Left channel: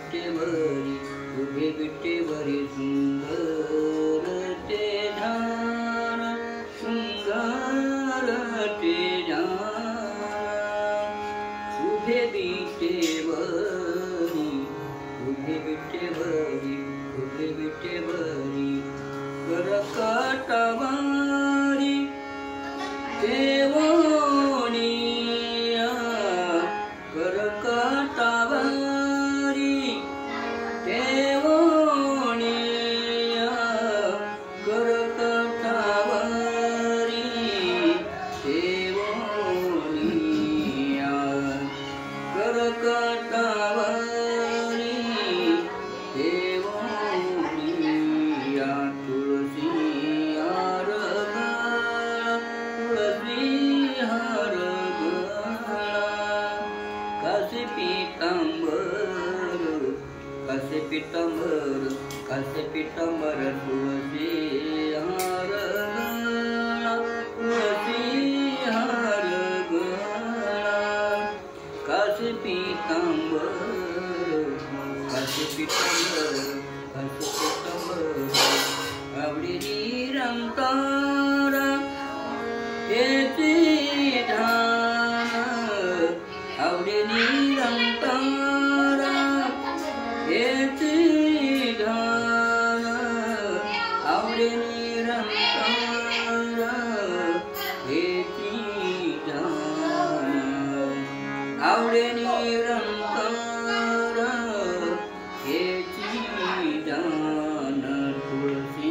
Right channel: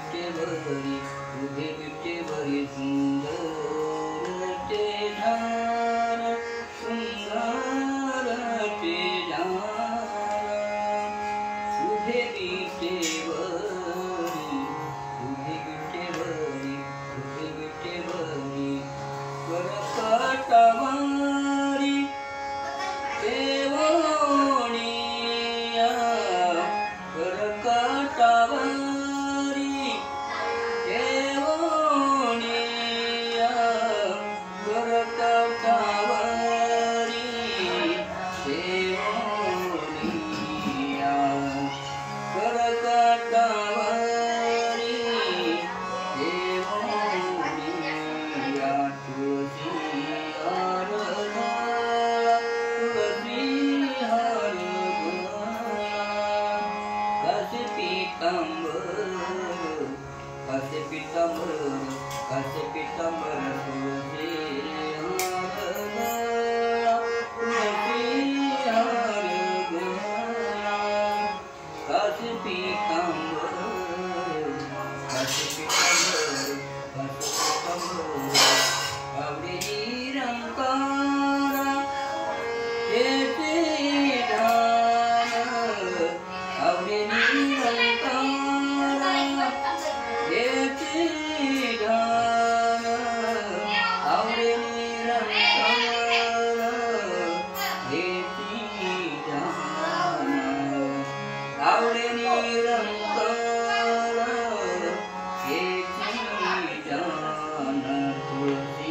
विटेवरी उभे विटेवरी सुंदर ते झाड सुंदर ते झाड उभे विटेवरी उभे विटेवरी उभे विटेवरी करकटवारी केवोनिया करकटवारी केवोनिया करकटवारी केवोनिया करकटवारी केवोनिया तुलसी हार गळा तुलसी हार गळा कासे पीतांबर कासे पीतांबर कासे पीतांबर तुलसी हार गळा तुलसी हार गळा कासे पीतांबर कासे पीतांबर कासे पीतांबर आवडीची रंकारा हेचे धाम आवडीची रंकारा हेचे धाम आवडीची रंकारा हेचे धाम आवडीची रंकारा हेचे धाम तुळसी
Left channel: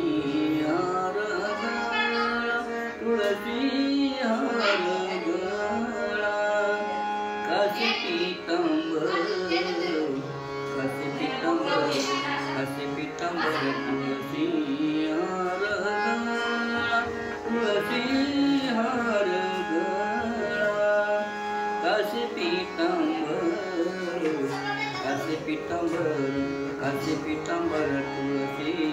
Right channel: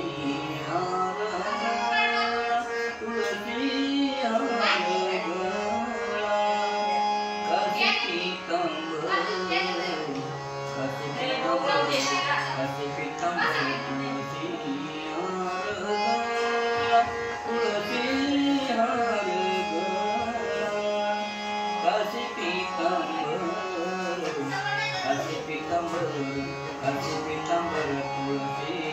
हार गळा तुळसी हार गळा कासे पीतांबर कासे पीतांबर कासे पीतांबर तुळसी हार गळा तुळसी हार गळा कासे पीतांबर कासे पीतांबर कासे पीतांबर तुळसी